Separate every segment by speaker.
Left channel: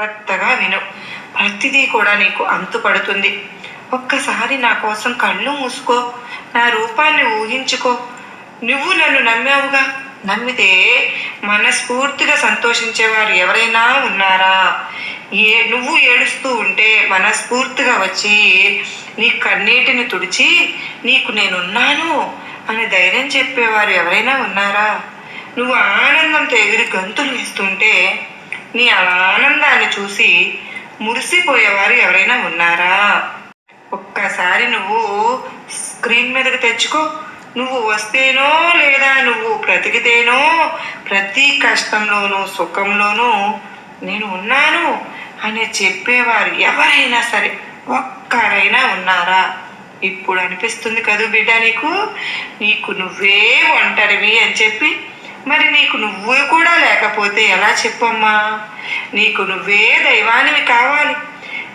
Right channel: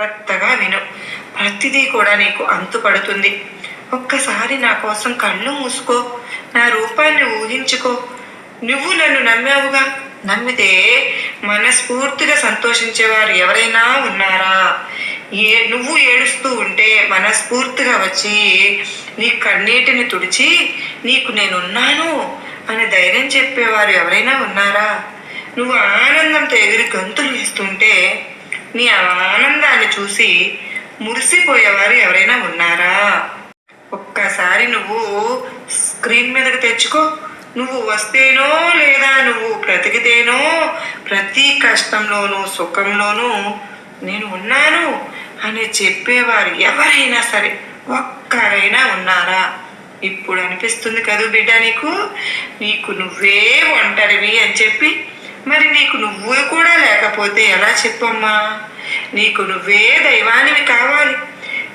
Speaker 1: జాగ్రత్తగా విను. ప్రతిదీ కూడా నీకు అంతుపడుతుంది. ఒక్కసారి నా కోసం కళ్ళు మూసుకో. నా రూపాన్ని ఊహించుకో. నువ్వు నన్ను నమ్మావుగా? నమ్మితే మనస్ఫూర్తిగా సంతోషించేవారు ఎవరైనా ఉన్నారా? ఏ నువ్వు ఏడుస్తూ ఉంటే మనస్ఫూర్తిగా వచ్చి నీ కన్నీటిని తుడిచి నీకు నేనున్నాను అని ధైర్యం చెప్పేవారు ఎవరైనా ఉన్నారా? నువ్వు ఆనందంతో ఎగిరి గంతులు వేస్తుంటే నీ ఆనందాన్ని చూసి మురిసిపోయేవారు ఎవరైనా ఉన్నారా? ఒక్కసారి నువ్వు స్క్రీన్ మీదకి తెచ్చుకో. నువ్వు వస్తేనో లేదా నువ్వు బ్రతికితేనో ప్రతి కష్టంలోనూ సుఖంలోనూ నేను ఉన్నాను అని చెప్పేవారు ఎవరైనా సరే ఒక్కరైనా ఉన్నారా? ఇప్పుడు అనిపిస్తుంది కదూ బిడ్డ నీకు? నీకు నువ్వే ఒంటరివి అని చెప్పి మరి నీకు నువ్వు కూడా లేకపోతే ఎలా చెప్పమ్మా? నీకు నువ్వే దైవానివి కావాలి.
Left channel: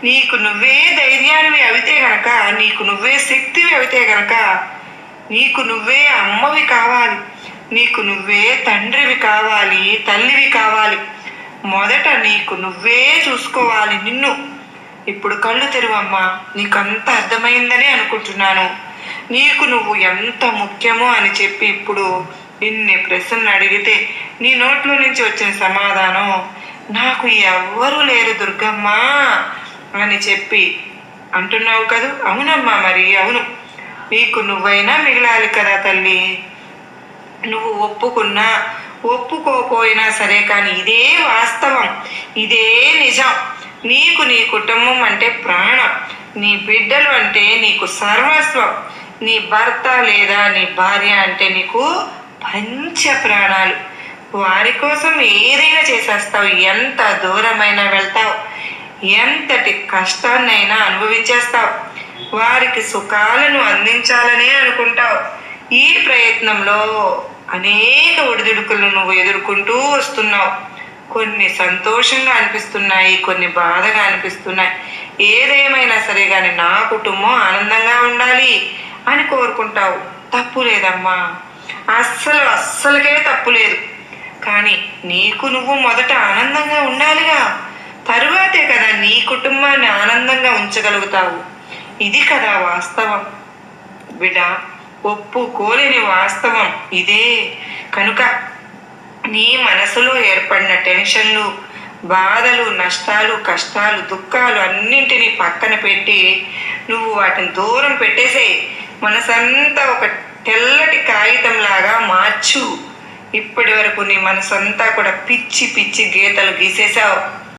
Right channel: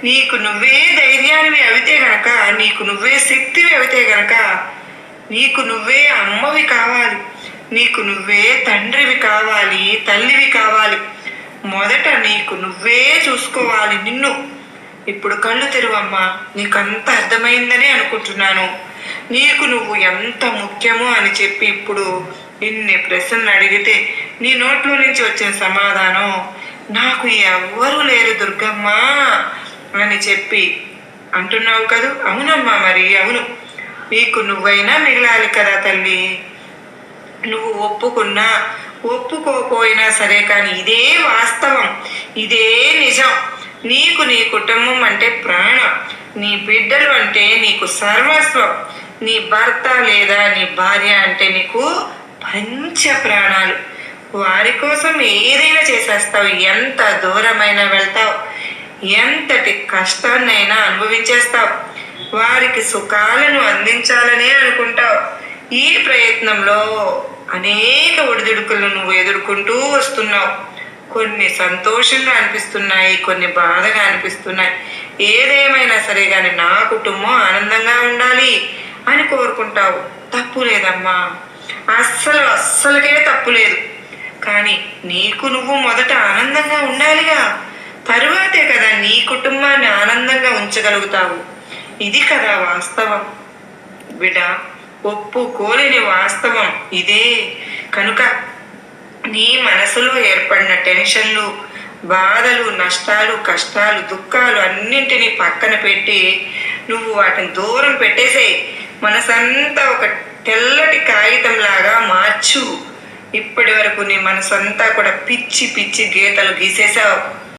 Speaker 1: నీకు నువ్వే ధైర్యానివి అవితే గనక నీకు నువ్వే శక్తివి అవితే గనక నీకు నువ్వే అమ్మవి కావాలి. నీకు నువ్వే తండ్రివి కావాలి తల్లివి కావాలి. మొదట నీకు నువ్వే చూసుకోవాలి నిన్ను. ఇప్పుడు కళ్ళు తెరువమ్మా నీకంత అర్థమైందని అనుకుంటున్నాను. నీకు నువ్వు ఎంత ముఖ్యమో అని చెప్పి ఇప్పుడు ఇన్ని ప్రశ్నలు అడిగితే నీ నోట్లో నుంచి వచ్చిన సమాధానం నాకు ఎవ్వరూ లేరు దుర్గమ్మ అని చెప్పి అంటున్నావు కదూ? అవునమ్మా మరి అవును. నీకు నువ్వైనా మిగలాలి కదా తల్లి. నువ్వు ఒప్పుకున్నా ఒప్పుకోపోయినా సరే కానీ ఇదే వాస్తవం ఇదే నిజం. నీకు నీ కుటుంబం అంటే ప్రాణం నీ బిడ్డలు అంటే నీకు సర్వస్వం నీ భర్త లేదా నీ భార్య అంటే నీకు పంచ ప్రాణాలు. వారి కోసం ఏదైనా చేసేస్తావు. ఎంత దూరమైనా వెళ్తావు. ఎంతటి కష్టాన్నైనా అనుభవించేస్తావు. వారికి సుఖాలను అందించాలనే అనుకుంటావు. ఈ ప్రయత్నంలో అనేక ఒడిదుడుకులను నువ్వు ఎదుర్కొంటూ వస్తున్నావు. కొన్ని సంతోషంగా అనిపిస్తున్నాయి కొన్ని బాధగా అనిపిస్తున్నాయి. ఏదేమైనా సరే కానీ నా కుటుంబం ఆనందంగా ఉండాలి అని కోరుకుంటావు. తప్పు లేదమ్మా. అస్సలు అస్సలకే తప్పు లేదు. కానీ నీకు నువ్వు మొదట ఆనందంగా ఉండాలిగా. తరువాతే కదా నీ కుటుంబాన్ని ఆనందంగా ఉంచగలుగుతావు. ఇది కదా వాస్తవం. బిడ్డ ఒప్పుకోలేని వాస్తవం ఇదే. కనుక నీ మనసులో ఏర్పడిన టెన్షన్లు బాధలు నష్టాలు కష్టాలు దుఃఖాలు అన్నింటినీ పక్కన పెట్టి నువ్వు వాటిని దూరం పెట్టేసే మనసంతా ఒక తెల్లటి కాగితంలాగా మార్చు. ఇప్పటి వరకు నీ మనసంతా కూడా పిచ్చి పిచ్చి గీతలు గీసేసావు